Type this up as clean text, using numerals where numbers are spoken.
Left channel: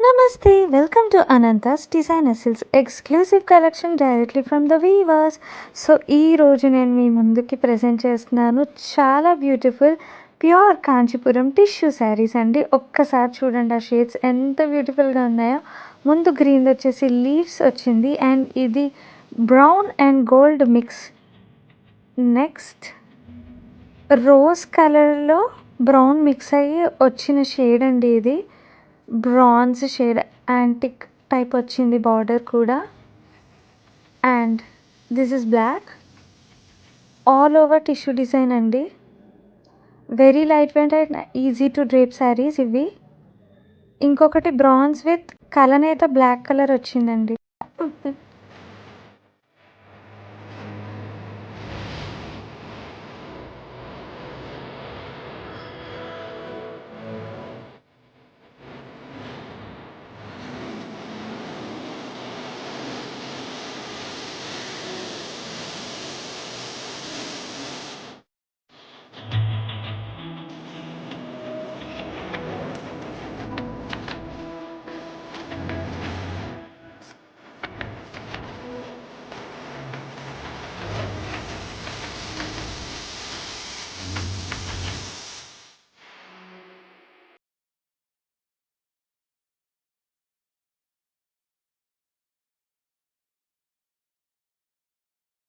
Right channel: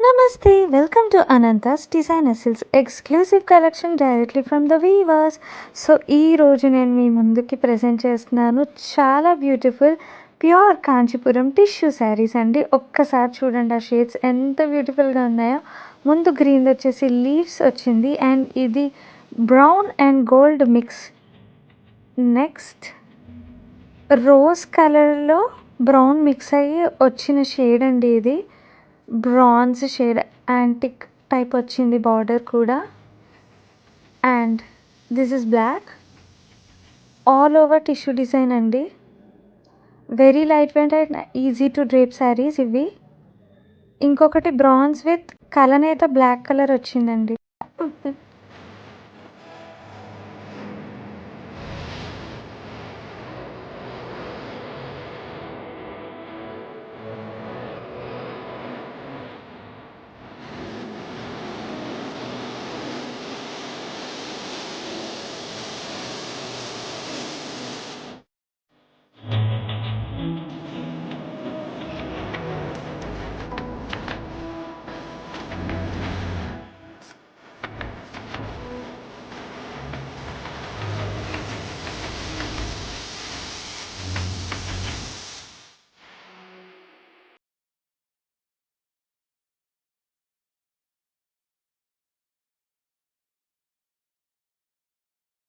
Namaste, welcome to Ananta's Designer Silks exclusive collection directly from the weavers. So ఈ రోజు నేను మీ ముందుకి present చేస్తున్నాను చాలా beautiful pure Kanchipuram tissue saris అండి. ఒక్కసారి చూడండి ఆ షేడ్స్ ఎంత బ్యూటిఫుల్గా ఉన్నాయో. ముందు గ్రీన్ వచ్చేసి లీవ్స్ వచ్చింది అండ్ ఇది brown and gold mix. Next rose కలర్లో బ్రౌన్ మిక్స్ అయ్యి వచ్చిన షేడ్ అండి. ఇది బ్రాంజ్ షేడ్ యాంటిక్ టైప్ వచ్చింది బార్డర్ కూడా. And this is black all over tissue design అండి. Very light weight and easy to drape saris ఇవి. ఇంకొకటి బ్రాంజ్ విత్ కలనేత బ్లాక్ కలర్ వచ్చిందండి.